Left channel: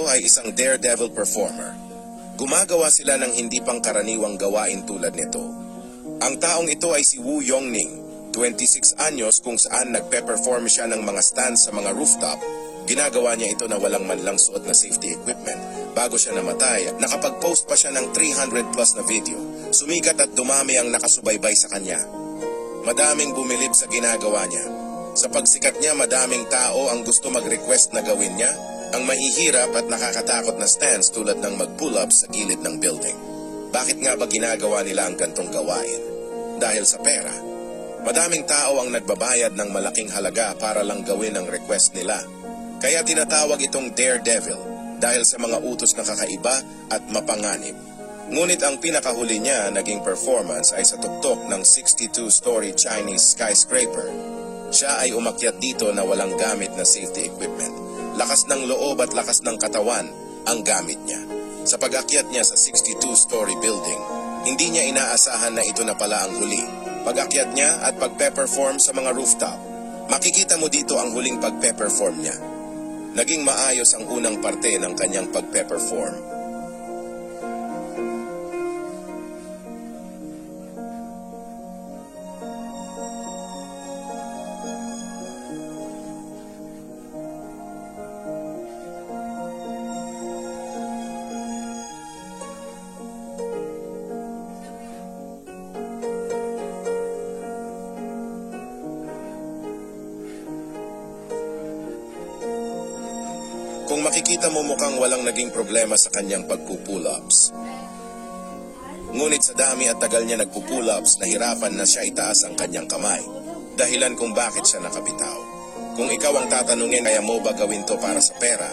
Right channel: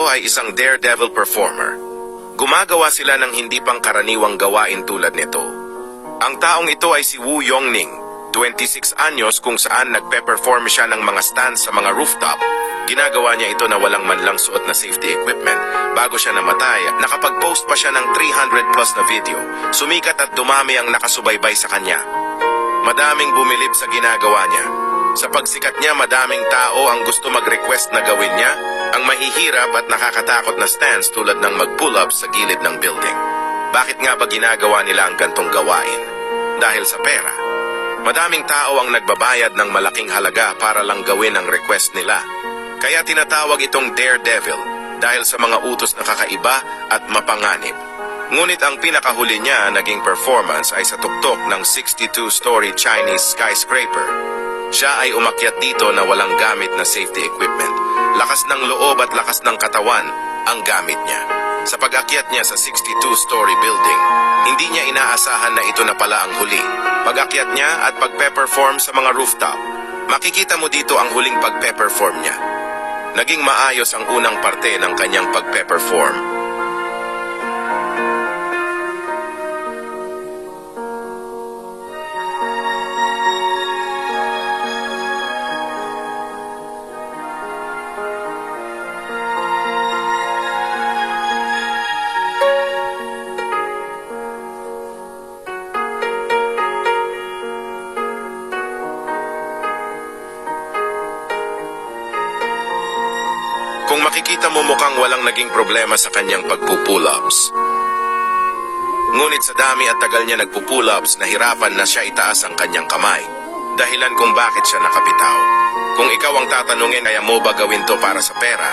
ito ay isang daredevil performer. Gumagawa sila ng hindi pangkaraniwang gawain tulad nito. Ang taong ito ay si Wu Yongning, 26 anyos, kung saan nagpe-perform siya ng mga stands sa mga rooftop. Ginagawa niya ito na walang man lang suot na safety equipment. Bago siya namatay, nakapag-post pa siya ng 300 plus na video. Sumikat at dumami ang nakasubaybay sa kanya. Madaming bumilib sa ginagawa niya. Sa pagsikat niya, madaming tao ang gusto mag-request na gawin niya ang mahihirap at nakakatakot na stands tulad ng mag-pull-ups sa gilid ng building. Bakit nga ba ginagawa nila ang gantong gawain? Dahil sa pera. Madaming tao ang nagbabayad ng malaking halaga para lang gawin ang request nila. Kaya tinatawag itong daredevil dahil sa mga utos na kakaiba at mapanganib. Ngunit ang pinakahuli niya naging performance ay sa tuktok ng 62-story Chinese skyscraper. Siya ay umakyat dito na walang gamit na safety equipment. Lakas ng loob at lakas ng katawan ang gamit niya. Sa pag-akyat niya sa 62-story building, hindi niya inaasahan na ito na pala ang huli. Pag-akyat niya at pagpe-perform sa mga rooftop, makikita mo dito ang huling pagpe-perform niya. Naging maayos ang unang parte ng kanyang pagpe-perform. Kung makikita mo, mukhang walang naging problema sa kanyang pagpupull-ups. Ngunit sa dami at tagal niya nagpupull-ups, nahirapan na siya itaas ang kanyang kamay. Dahilan kung bakit siya nakabitaw. Kung ikaw ang tatanungin, kaya mo ba gawin to para sa pera?